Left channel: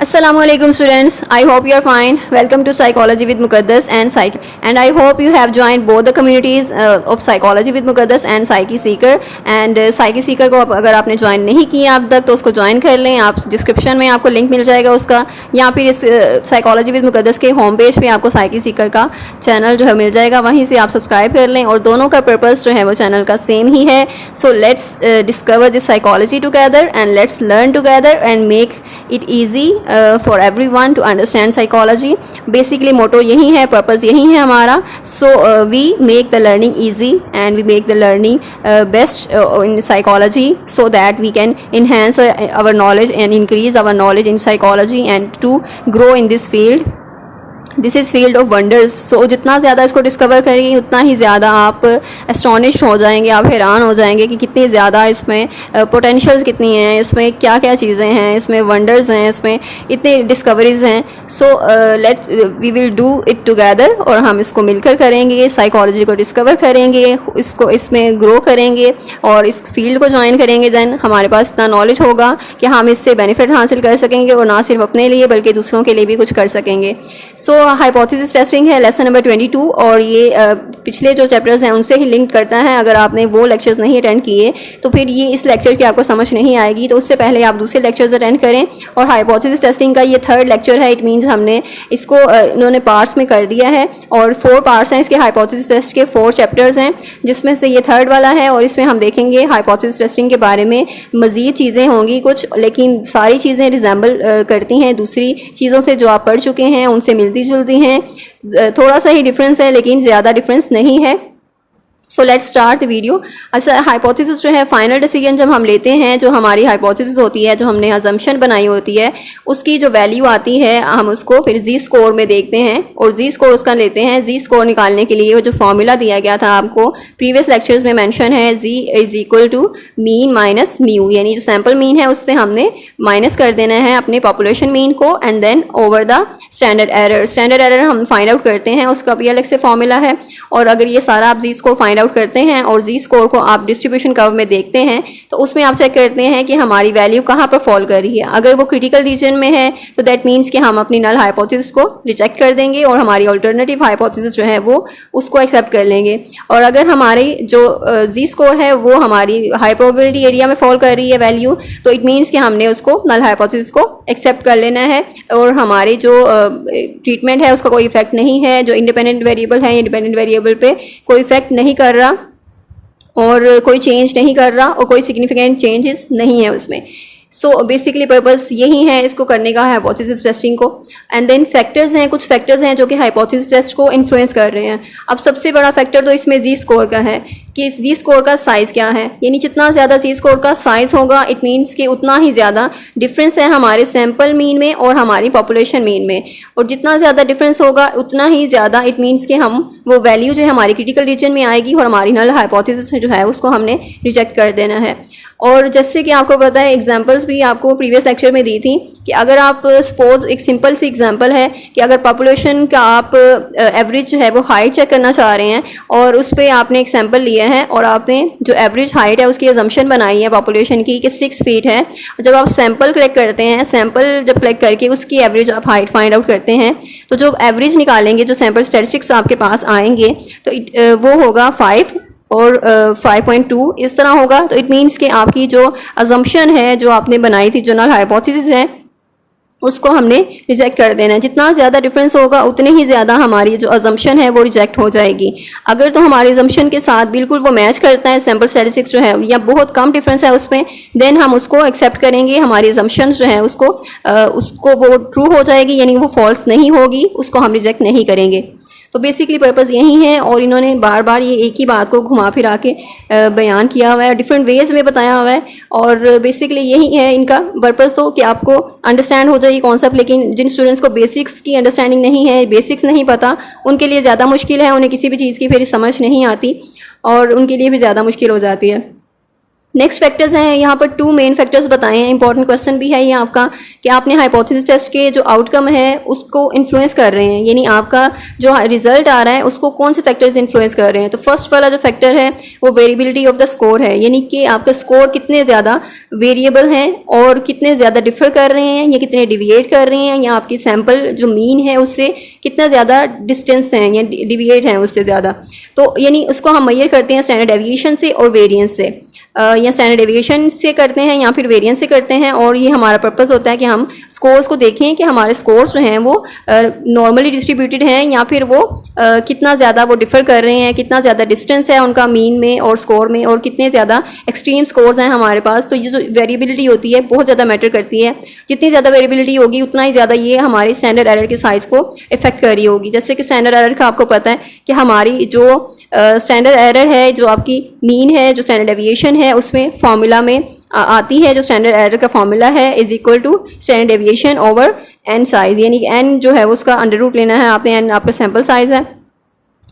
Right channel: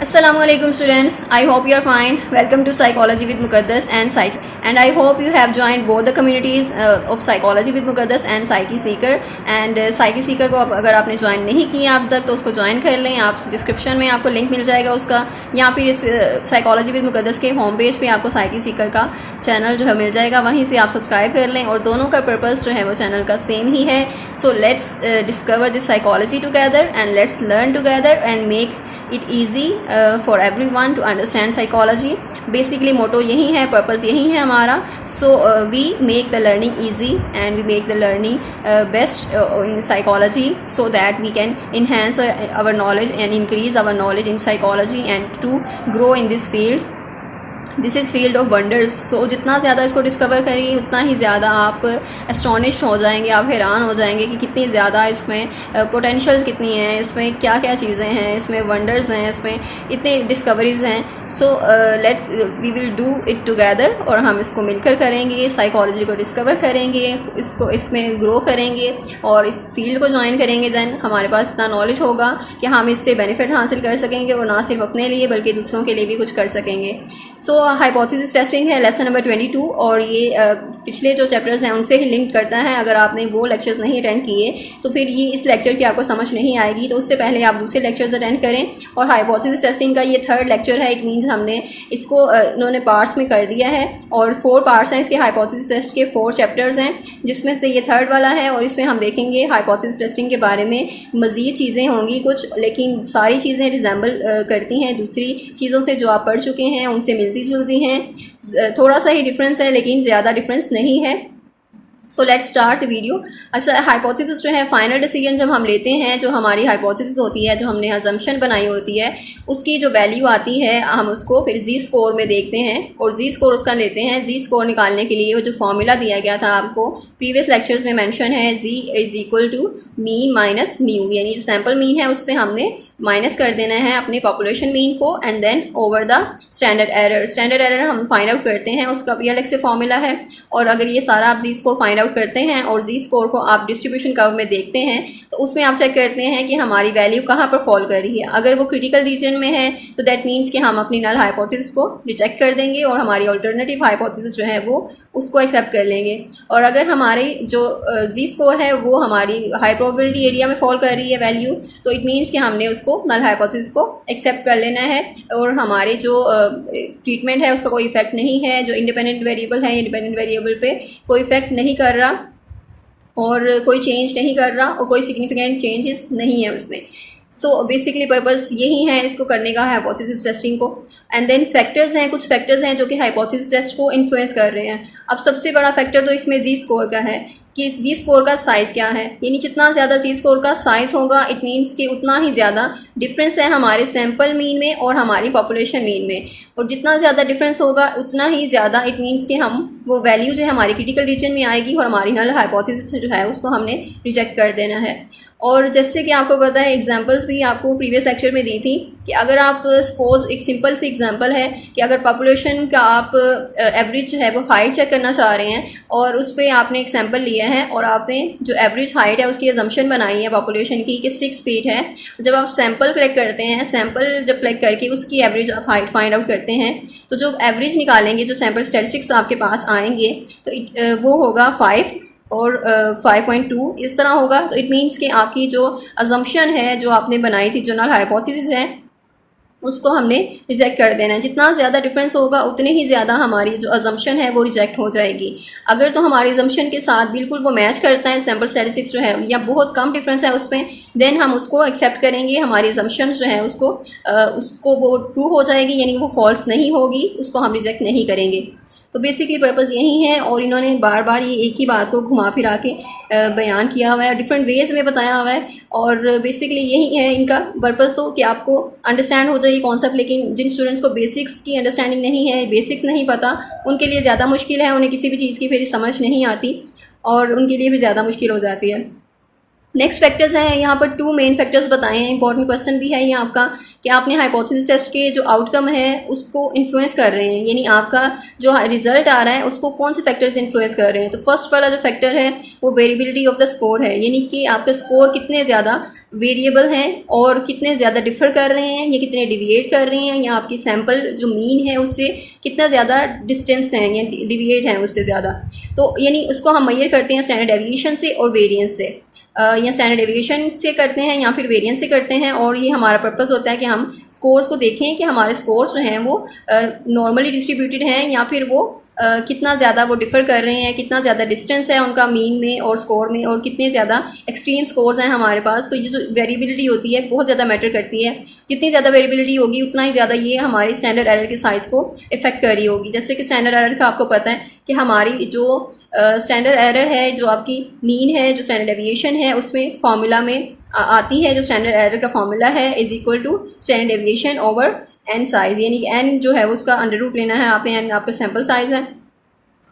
Assalamualaikum students. I hope you are fine. Welcome to Psychology with Muqaddas and Psych. And I hope you have joined both the communities of Psychology with Muqaddas and Psyche Seeker. And Psyche Seeker को अगर आपने join नहीं किया अब तक तो उसको join कर लें. आप डिस्क्रिप्शन में आपको लिंक मिल जाएगा उसका, या फिर इस साइकोलॉजी विद मुकद्दस के होम पेज पे आपको साइकी सीकर का चैनल जो है मिल जाएगा, वहीं से आप सब्सक्राइब कर लें. और दोनों का पर्पस जो है वो चैनल का सेम ही है. So let's discover this psychology together and let's learn together and make it easy for everyone to understand psychology. Basically motto यही है, पर्पज़ यही है हमारा. So we make the learning easy and we make the learning best in psychology so that we can enhance our knowledge and increase our knowledge in psychology and to grow in this field. This is field of wonders. So जितना ज़्यादा इसको discover करेंगे उतना ही ज़्यादा आप astonish हो जाएंगे, आप हैरान हो जाएंगे कि कितनी ज़्यादा इसमें पोटेंशियल्स कितनी हैं, इसमें क्या क्या चीज़ें हैं, इसमें वंडर्स हैं, इसमें इतनी डिस्कवरीज हैं. So let we will do it together और हम इसको मिलकर करेंगे, साइकोलॉजी को डिस्कवर करेंगे, इसको इसमें ग्रो करेंगे और इस फील्ड को ज्वाइन करेंगे. देन हमारे पास इतना नॉलेज होगा कि हम इससे बेनिफिट हासिल कर सकेंगे और ना सिर्फ अपने लिए बल्कि दूसरों के लिए भी कुछ कर सकेंगे. सो हाइपोथेसिस टेस्टिंग है लेसन नंबर 22 और ये पिछले जो चैप्टर्स हैं उनसे ही लिंक करता है. अगर आपने वो लेक्चर्स नहीं अटेंड किए तो फिर ये इस लेक्चर की आपको समझ नहीं आएगी, तो उससे पहले आप दूसरे लेक्चर्स अटेंड करें. और हाइपोथेसिस टेस्टिंग का ये थर्ड लेक्चर है. इट मीन्स हमने इसको इन्होंने पार्ट्स में कर दिया है और 4 पार्ट्स हैं इसके. हाइपोथेसिस टेस्ट के 4 चैप्टर्स हैं जिसमें से ये थर्ड वाला है और इसमें हम देखेंगे हाइपोथेसिस टेस्टिंग के बारे में मज़ीद चीज़ें होंगी कुछ, लेकिन सारी चीज़ें रिजेंबल करती हैं दूसरी चीज़ों से जो आप पढ़ चुके हैं, उनसे मिलती जुलती हैं. थोड़ा सा ही डिफरेंस है लेकिन ज़्यादा डिफरेंस नहीं है. So let's start the video. अच्छा, हाइपोथेसिस जो है फाइनल डिसीजन जब हम लेते हैं, जो हमारी हाइपोथेसिस होती है, जो हमने अजम्पशन बनाई होती है, उसकी जो वैल्यू आती है हम उसको फिर जी स्कोर में देखते हैं और जी स्कोर उसका लेते हैं. जी स्कोर निकालने के लिए वो जो फॉर्मूला दिया गया था आपको प्रीवियस लेक्चर्स में मेंशन है, G is equal to mean minus mu, यानी जो सैम्पल मीन है उससे हमने माइनस कर देना है अपने पॉपुलेशन मीन को and then over the standard error. Standard error हम फाइंड आउट करते हैं, उसका भी अलग से फॉर्मूला है. और अगर ये सारा आप जी स्कोर फाइंड आउट करते हैं और जी स्कोर को आप डिस्ट्रीब्यूशन कर्व में देखते हैं तो उसमें आप चेक करते हैं कि हमारी वैल्यू कहाँ पर फॉल कर रही है. अगर वो क्रिटिकल रीजन में है तो दैट मीन्स कि हम अपनी नल हाइपोथेसिस को रिजेक्ट कर देंगे और हमारी अल्टरनेटिव हाइपोथेसिस जो है वो उसको एक्सेप्ट कर लेंगे. और अगर हमारी जो जी स्कोर है वो हमारी हाई प्रोबेबिलिटी एरिया में फॉल कर रही है वैल्यू, तो इट मीन्स कि हमने उसको नल हाइपोथेसिस को एक्सेप्ट कर लेना है और हमारी जो ट्रीटमेंट है उसका कोई इफेक्ट नहीं है. जो इंडिपेंडेंट वेरिएबल है, इंडिपेंडेंट वेरिएबल पे कोई इफेक्ट नहीं कर रहा और कोई चेंज नहीं कर रहा और कोई सिग्निफिकेंट चेंजेस नहीं है उसमें. सो बेसिकली पर्पस यही है इसको करने का, हाइपोथेसिस टेस्टिंग को. एंड देन फैक्टर्स हैं, कुछ फैक्टर्स हैं जो कि हाइपोथेसिस टेस्ट को इन्फ्लुएंस कर रहे हैं. अब सबसे बड़ा फैक्टर तो इसमें जी स्कोर का है कि जी स्कोर का साइज़ क्या है, यानी जितना ज़्यादा जी स्कोर का साइज़ होगा इट मीन्स कि उतना ही ज़्यादा डिफरेंस है हमारे सैम्पल मीन में और हमारी पॉपुलेशन मीन में. और जितना ज़्यादा डिफरेंस होगा उतना ही ज़्यादा इट मीन्स कि हम वो वैल्यू जो है हमारी क्रिटिकल रीजन में आएगी और हमारी नल हाइपोथेसिस जो है उसको हमने रिजेक्ट कर देना है. और जैसे कि आपको पता है एग्जांपल्स भी आपको प्रीवियस लेक्चर में दी थी कि अगर आप सपोज एक सिंपल सी एग्जांपल है कि अगर पॉपुलेशन का आप एवरेज जो है वो हाइट चेक करना चाह रहे हैं और उस पर आपने एक सैंपल लिया है और आपने जो एवरेज हाइट है उसकी अजम्पशन बनाई है पॉपुलेशन की कि 6 फीट है. जब आप सैंपल कलेक्ट करते हैं, सैंपल जब कलेक्ट करके उसकी एवरेज आप हाइट फाइंड आउट करते हैं तो जो एवरेज निकालेंगे, जो सैंपल स्टैटिस्टिक्स आपके पास आएंगे तो वो होगा 5 और 5.2 इस तरह होगा. तो इट मीन्स कि आपकी जो अजम्पशन है जो आपने बनाई थी, जो नल हाइपोथेसिस है, उसको हमने रिजेक्ट कर देना है. जितना ज़्यादा डिफरेंस होगा उतने ही ज़्यादा हमारी जो अजम्पशन है वो रिजेक्ट हो जाएगी. अगर तो हमारी अजम्पशन के साथ बिल्कुल वो मैच करता है सैम्पल स्टैटिस्टिक्स जो है या बहुत कम डिफरेंस है उसमें, देन हम उसको एक्सेप्ट करेंगे. हमारी अजम्पशन जो है उसको वो ट्रू हो जाएगी, यानी वो फॉल्स नहीं होगी, उसको हम रिजेक्ट नहीं करेंगे. तो बेसिकली पर्पज़ यही है और इन्होंने बार बार ये एक ही बात को घुमा फिरा के बयान किया हुआ है, डिफरेंट वेज में बताया हुआ है. और बेसिकली यही है इनका पर्पज़, तो कि आपको अंडरस्टैंड हो जाए ये कॉन्सेप्ट. लेकिन जिन स्टूडेंट्स को बेसिक्स की अंडरस्टैंडिंग नहीं है, बेसिक्स नहीं पता, उनके लिए ज़्यादा मुश्किल है, उन्हें किसी भी चीज़ की फिर समझ नहीं आती और उनके लिए भी ज़्यादा मुश्किल हो जाती है. नेक्स्ट फैक्टर्स हैं यहाँ पर, 2 मेन फैक्टर्स बताए हैं। इंपॉर्टेंट क्वेश्चन भी है ये आपका कि आपने हाइपोथेसिस टेस्ट के जो आउटकम है उसको इन्फ्लुएंस कर रहे हैं, यानी आपका जो रिजल्ट आ रहा है उसको कौन से फैक्टर्स इन्फ्लुएंस कर रहे हैं। तो फर्स्ट वाला जो फैक्टर है वो वेरिएबिलिटी ऑफ द स्कोर है, यानी कि आपका स्कोर कितने ज़्यादा वेरिएबल हैं और कितने ज़्यादा डिफर कर रहे हैं या कितने डिविएट कर रहे हैं, या आपकी सैम्पल जो मीन है उससे कितना ज़्यादा डिस्टेंस है या डिविएट है उससे ज़्यादा। तो यानी उसको हम मेजर करते हैं स्टैंडर्ड डेविएशन से और वेरिएंस से, या स्टैंडर्ड डेविएशन से करते हैं या फिर वेरिएंस से करते हैं। और ये हमारा पर्पस होता है कि हम स्कोर्स को देखें कि हमारे स्कोर्स जो हैं वो नॉर्मली डिस्ट्रीब्यूटेड हैं या फिर वो कितना ज़्यादा वो डिफर कर रहे हैं, कितना ज़्यादा डिस्टेंस है उनका मीन में और स्कोर में, और कितने ज़्यादा एक्सट्रीम स्कोर्स हैं हमारे पास। तो ये जो वेरिएबिलिटी होती है बहुत ज़्यादा मैटर करती है। जितनी ज़्यादा वेरिएबिलिटी होगी उतना ही ज़्यादा ये हमारे स्टैंडर्ड एरर के साइज को इफेक्ट कर रही होगी। जैसे कि स्टैंडर्ड एरर का आपको पता है कि हमारी जो स्टैंडर्ड एरर है, जो आपकी मीन है, जो स्टैंडर्ड डेविएशन है, उसमें फॉर्मूला में आती है, जो स्टैंडर्ड एरर का फॉर्मूला है is equal to standard deviation over n size, यानी एन जो है उसका अंडर रूट लेना है आपने, एन आपका सैम्पल साइज है।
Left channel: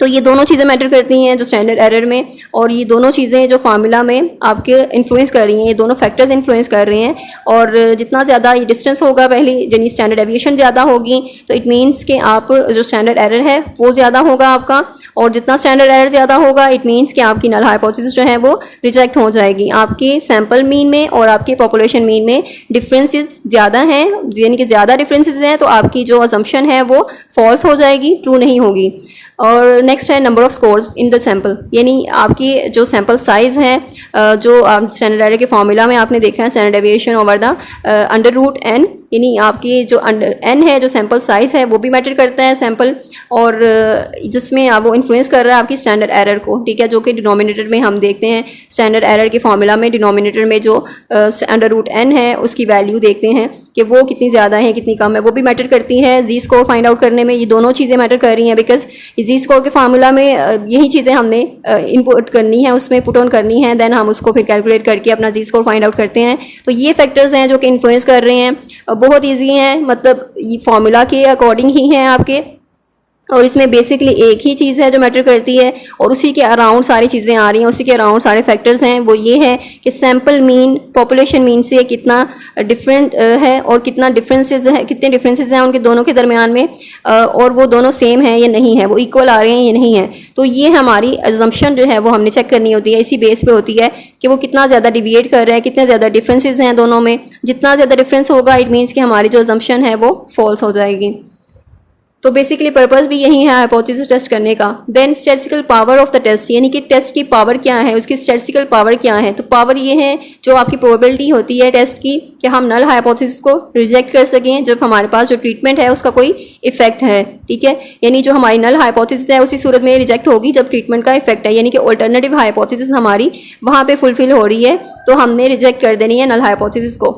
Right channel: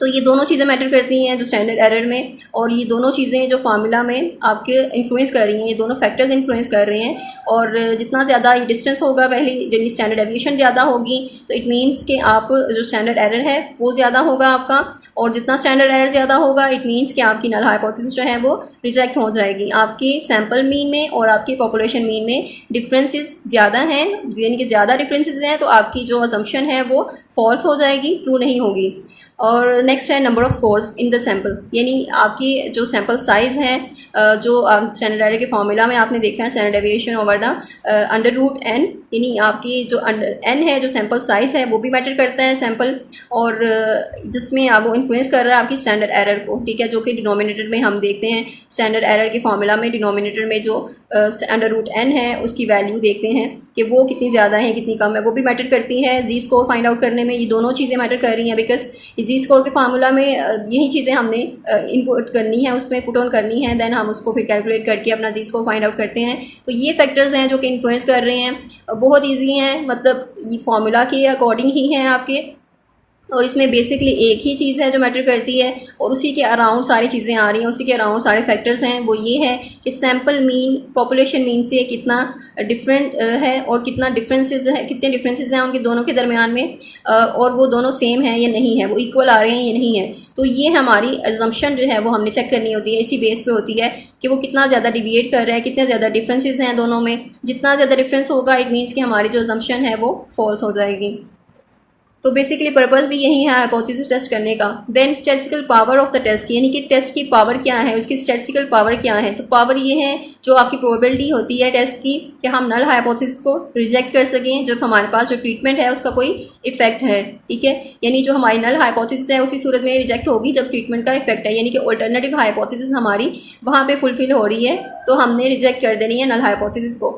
तो ये दोनों चीज़ें मैटर करती हैं जो स्टैंडर्ड एरर में, और ये दोनों चीज़ें जो फार्मूला में आपके इन्फ्लुएंस कर रही हैं, ये दोनों फैक्टर्स इन्फ्लुएंस कर रहे हैं। और जितना ज़्यादा ये डिस्टेंस होगा, पहली यानी स्टैंडर्ड डेविएशन ज़्यादा होगी तो इट मीन्स कि आप जो स्टैंडर्ड एरर है वो ज़्यादा होगा आपका, और जितना स्टैंडर्ड एरर ज़्यादा होगा इट मीन्स कि आपकी नल हाइपोथेसिस जो है वो रिजेक्ट हो जाएगी। आपके सैम्पल मीन में और आपके पॉपुलेशन मीन में डिफरेंसेस ज़्यादा हैं, यानी कि ज़्यादा डिफरेंसेस हैं, तो आपकी जो अजम्पशन है वो फॉल्स हो जाएगी, ट्रू नहीं होगी। और नेक्स्ट है number of scores in the sample, यानी आपकी जो सैम्पल साइज है, जो स्टैंडर्ड एरर के फॉर्मूला में आपने देखा है standard deviation over the under root n, यानी आपकी जो एन है, जो सैम्पल साइज है वो भी मैटर करता है सैम्पल, और जिसमें आप वो इन्फ्लुएंस कर रहा है आपकी स्टैंडर्ड एरर को, ठीक है, जो कि डिनोमिनेटर में हम देखते हैं स्टैंडर्ड एरर के फॉर्मूला में डिनोमिनेटर में जो अंडर रूट एन है उसकी वैल्यू देखते हैं कि वो कितनी ज़्यादा है कितनी कम है, वो भी मैटर करती है। जी स्कोर फाइंड आउट करने में ये दोनों चीज़ें मैटर कर रही हैं, बिकॉज जी स्कोर के फार्मूला में यही चीज़ें हमने इनपुट करनी है, उसमें पुट ऑन करनी है, देन हम उसको फिर कैलकुलेट करके अपना जी स्कोर फाइंड आउट करते हैं। तो ये फैक्टर्स हैं जो कि इन्फ्लुएंस कर रहे हैं, बहुत ईजी हैं, मतलब ये फार्मूला के अकॉर्डिंग ही हैं आपके, और इसमें बेसिकली एक ही चीज़ है जो मैटर करती है और उसी के अराउंड सारी चीज़ें आ रही हैं, उसी के अराउंड सारे फैक्टर्स हैं। वो ये है कि सैम्पल मीन पॉपुलेशन मीन से कितना डिफरेंट है और कितना डिफरेंसेस है, कितने डिफरेंसेस हैं उनके दोनों के दरमियान में, और वो दोनों सेम है या नहीं है, वो इक्वल आ रहे हैं या नहीं है। तो ये हमारी अजम्पशन जो है वो हमने चेक करनी होती है, इसी बेस पे होती है कि वो कितना ज़्यादा डिविएट कर रहा है, कितने ज़्यादा डिफरेंसेस हैं दोनों में। जितना ज़्यादा डिफरेंस होगा इट मीन्स कि हमारी जो अजम्पशन है वो फॉल्स हो जाएगी। तो बेसिकली पर्पस भी यही है हाइपोथेसिस टेस्ट करने का। Then statistical power of the test, यानी कि टेस्ट की पावर क्या है, उसकी स्टैटिस्टिकल पावर क्या है। तो पावर ये है जो आपकी प्रोबेबिलिटी होती है टेस्ट की कि हम नल हाइपोथेसिस को रिजेक्ट कर सकें जब हमारे पास जो ट्रीटमेंट है उसका कोई इफेक्ट है, ठीक है, यानी जो हमारी नल हाइपोथेसिस है उसी सूरत में रिजेक्ट होगी जब ट्रीटमेंट का इफेक्ट है, यानी कि ऑल्टरनेटिव हाइपोथेसिस हमारी वहाँ पे फुलफिल हो रही है तो हमने रिजेक्ट कर देनी है नल हाइपोथेसिस को।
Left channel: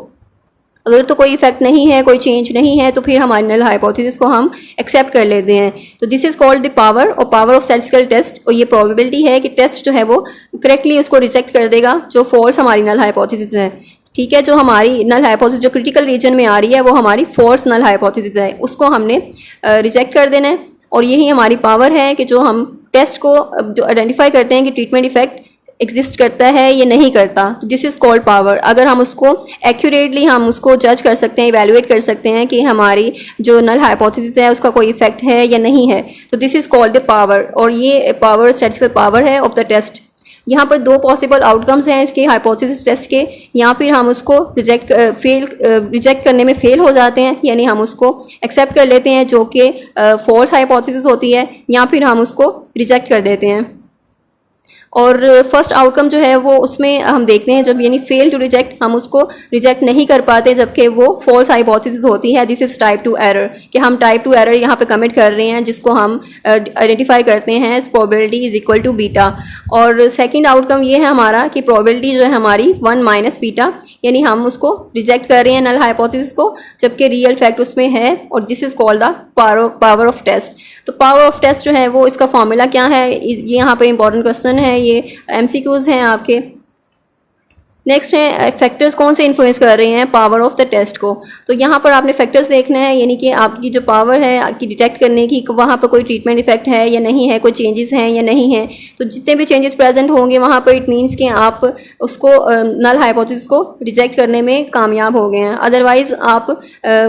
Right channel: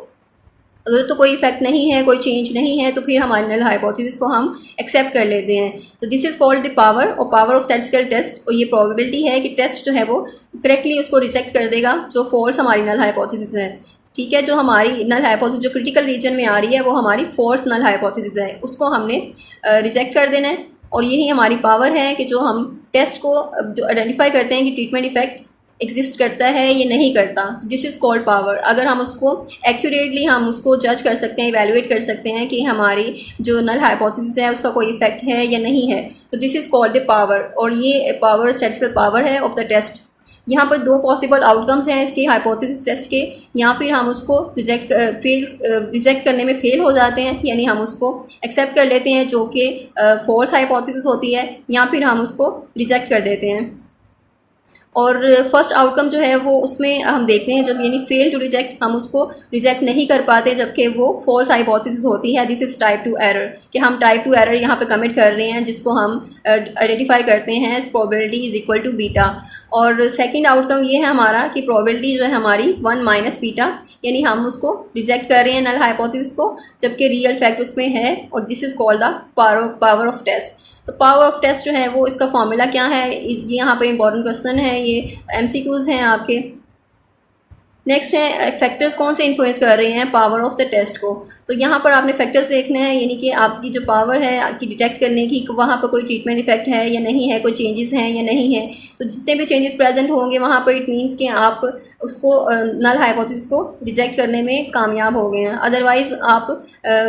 अगर तो कोई इफेक्ट नहीं है, कोई चेंज नहीं है, तो फिर हमारी नल हाइपोथेसिस को हम एक्सेप्ट कर लेते हैं। तो this is called the power और पावर ऑफ स्टैटिस्टिकल टेस्ट, और ये प्रोबेबिलिटी है कि टेस्ट जो है वो करेक्टली उसको रिजेक्ट कर देगा जो फॉल्स हमारी नल हाइपोथेसिस है, ठीक है। जो हमारी नल हाइपोथेसिस जो क्रिटिकल रीजन में आ रही है वो हमारी फॉल्स नल हाइपोथेसिस है, उसको हमने रिजेक्ट कर देना है। और यही हमारी पावर है कि जो हम टेस्ट को जो आइडेंटिफाई करते हैं कि ट्रीटमेंट इफेक्ट एग्जिस्ट करता है ये नहीं करता, तो दिस इज कॉल्ड पावर। अगर हम उसको एक्यूरेटली हम उसको जज कर सकते हैं, इवेलुएट कर सकते हैं कि हमारी जो नल हाइपोथेसिस है उसका कोई इफेक्ट है या नहीं है, तो this is called the power. और ये पावर स्टैटिस्टिकल पावर है ऑफ द टेस्ट। यहाँ पर दो पॉसिबल आउटकम्स हैं इसके हाइपोथेसिस टेस्ट के, या फिर हम उसको रिजेक्ट करने में फेल हो जाते हैं, यानी हम उसको एक्सेप्ट कर लेते हैं जो कि फॉल्स हाइपोथेसिस होती है, या फिर हम उसको रिजेक्ट कर देते हैं। और फर्स्ट आउटकम जो है वो उसमें हम देखते हैं जब यानी फेल टू रिजेक्ट, हम उसको रिजेक्ट नहीं कर पाते जबकि वो फॉल्स हाइपोथेसिस होती है। दिस इज टाइप 2 एरर, कि हम टाइप 2 एरर यहाँ पे कमिट कर रहे हैं जिसको हम आइडेंटिफाई करते हैं probability is equal to beta. और सेकंड आउटकम ये है हमारा कि प्रोबेबिलिटी जो है हमारी 1 माइनस बीटा, यानी हम उसको रिजेक्ट कर रहे हैं नल हाइपोथेसिस को जबकि रियल फैक्ट उसमें है, और this is called the power of test. तो पावर ऑफ टेस्ट जो है वो इसका फॉर्मूला क्या है, ये यहाँ पे इंपॉर्टेंट क्वेश्चन है, ये एमसीक्यूज हैं आपके। नेक्स्ट है फैक्टर्स कौन से इन्फ्लुएंस कर रहे हैं पावर ऑफ द टेस्ट को। तो यहाँ पर आपने फैक्टर्स देखना है, यानी कि आपकी जो पावर है आपकी डिटेक्ट करने की, वहाँ पर कोई ट्रीटमेंट इफेक्ट है या नहीं है, कोई चेंजेस हैं या नहीं है। तो जितने भी चेंजेस प्रेजेंट होंगे वहाँ पर इट मीन्स कि आप उसको नल हाइपोथेसिस को रिजेक्ट करने में कामयाब हो गए हैं। अदरवाइज आप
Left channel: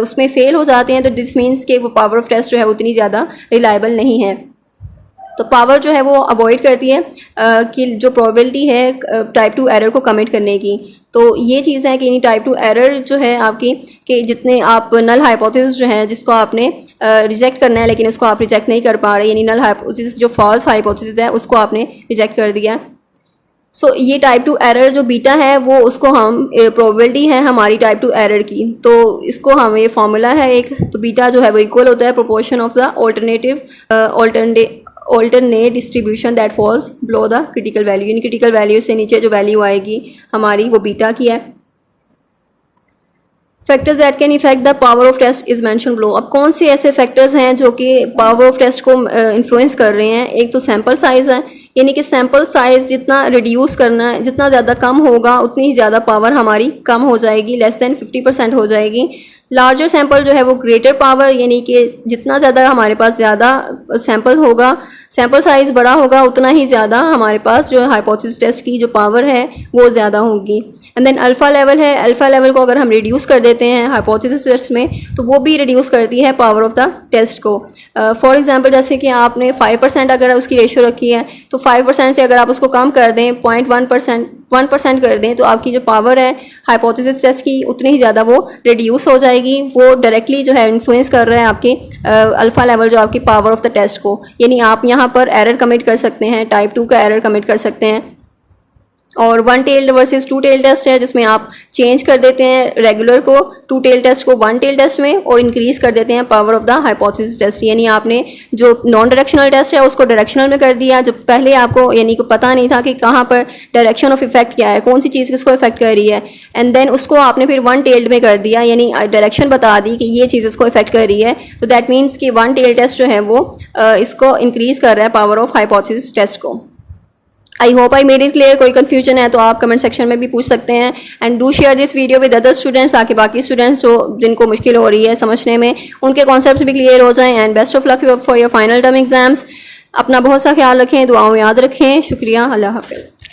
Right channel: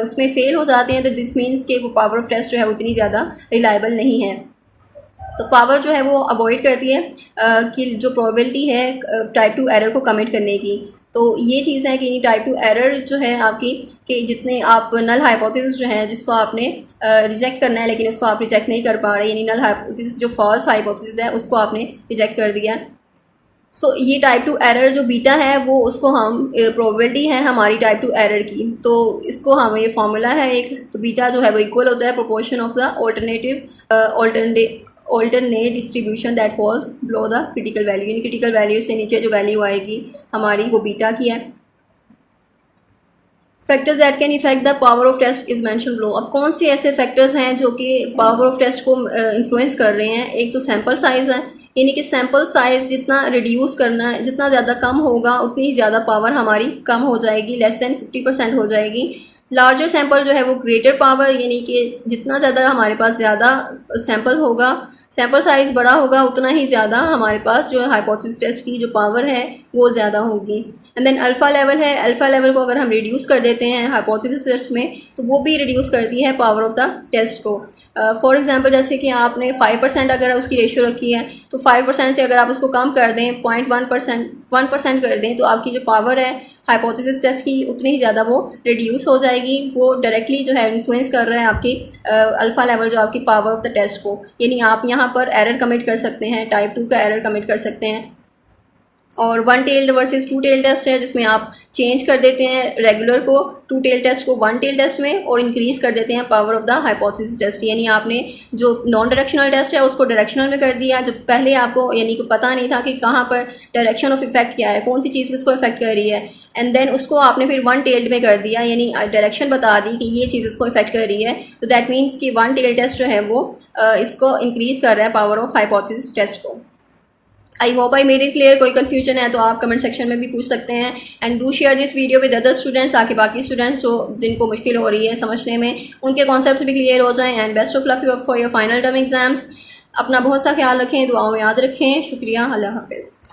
उसमें फेल हो जाते हैं, तो दिस मीन्स कि वो पावर ऑफ टेस्ट जो है उतनी ज़्यादा रिलायबल नहीं है। तो पावर जो है वो अवॉइड करती है कि जो प्रोबेबिलिटी है टाइप 2 एरर को कमिट करने की। तो ये चीज़ है कि टाइप 2 एरर जो है आपकी, कि जितने आप नल हाइपोथेसिस जो है जिसको आपने रिजेक्ट करना है लेकिन उसको आप रिजेक्ट नहीं कर पा रहे, यानी नल हाइपोथेसिस जो फॉल्स हाइपोथेसिस है उसको आपने रिजेक्ट कर दिया। सो ये टाइप 2 एरर जो बीटा है वो उसको हम प्रोबेबिलिटी है हमारी टाइप 2 एरर की, तो इसको हम ये फॉर्मूला है एक, तो बीटा जो है वो इक्वल होता है proportion of the alternate distribution that falls below the critical value, यानी क्रिटिकल वैल्यू से नीचे जो वैल्यू आएगी हमारी वो बीटा की है। Factors that can effect the power of test is mention below. अब कौन से ऐसे फैक्टर्स हैं जो कि पावर ऑफ टेस्ट को इन्फ्लुएंस कर रहे हैं। एक तो सैम्पल साइज है, यानी कि सैम्पल साइज जितना रिड्यूस करना है, जितना ज़्यादा कम होगा उतनी ही ज़्यादा पावर हमारी कम हो जाएगी, लेस देन 50% हो जाएगी। लार्जर सैंपल जो है वो ग्रेटर पावर, यानी कि जितना ज़्यादा हमारे पास ज़्यादा सैंपल होगा, सैंपल साइज बड़ा होगा, उतना ही ज़्यादा हमारे पास जो हाइपोथेसिस टेस्ट की जो पावर है वो ज़्यादा होगी। एंड देन अल्फ़ा लेवल है, अल्फ़ा लेवल को अगर हम रिड्यूस कर देते हैं हाइपोथेसिस टेस्ट में तो वो भी रिड्यूस करती है पावर ऑफ द टेस्ट को। फॉर एग्जांपल जैसे कि आपने 5% अगर उसकी रेशियो रखी है तो 5% से अगर आप उसको कम कर दें 1% कर दें तो आपकी जो पावर है हाइपोथेसिस टेस्ट की उतनी ही ज़्यादा वो रिड्यूस हो जाएगी। वो डायरेक्टली जो है इन्फ्लुएंस कर रहे हैं आपकी अल्फ़ा लेवल जो आपकी पावर ऑफ द टेस्ट को, यानी आप यहाँ पर एरर कमिट कर सकते हैं, टाइप 2 का एरर कमिट कर सकते हैं। और 1 टेल्ड वर्सेस 2 टेल टेस्ट है जिसमें आप चेंज कर देते हैं रेगुलर को 2 टेल टेस्ट को 1 टेल टेस्ट में और इंक्रीज कर देते हैं power of the hypothesis test, यानी आपने जो नॉन डायरेक्शनल टेस्ट है उसको डायरेक्शनल में कर दिया, जो पहले आपको यानी को पता नहीं था कि कहाँ पर डायरेक्शन ऑफ इफेक्ट क्या है, कौन सी चीज़ किसको इफेक्ट कर रही है, एंड देन उसको आपने फिर 1 टेल्ड में कर दिया, यानी डायरेक्शन बता दी कि ये चीज़ इसको इफेक्ट कर रही है। तो दैट मीन्स कि 1 टेल टेस्ट जो है वो इसको इंक्रीज कर रहा है पावर ऑफ हाइपोथेसिस टेस्ट को। I hope I made it clear. कोई कंफ्यूजन है तो आप कमेंट सेक्शन में भी पूछ सकते हैं and do share this video with other students, ताकि बाकी स्टूडेंट्स जो जिनको मुश्किल हो रही है समझने में उनके कॉन्सेप्ट्स भी क्लियर हो जाएं। And best of luck for your final term exams. अपना बहुत सा ख्याल रखें, दुआओं में याद रखें। शुक्रिया, अल्लाह हाफिज़।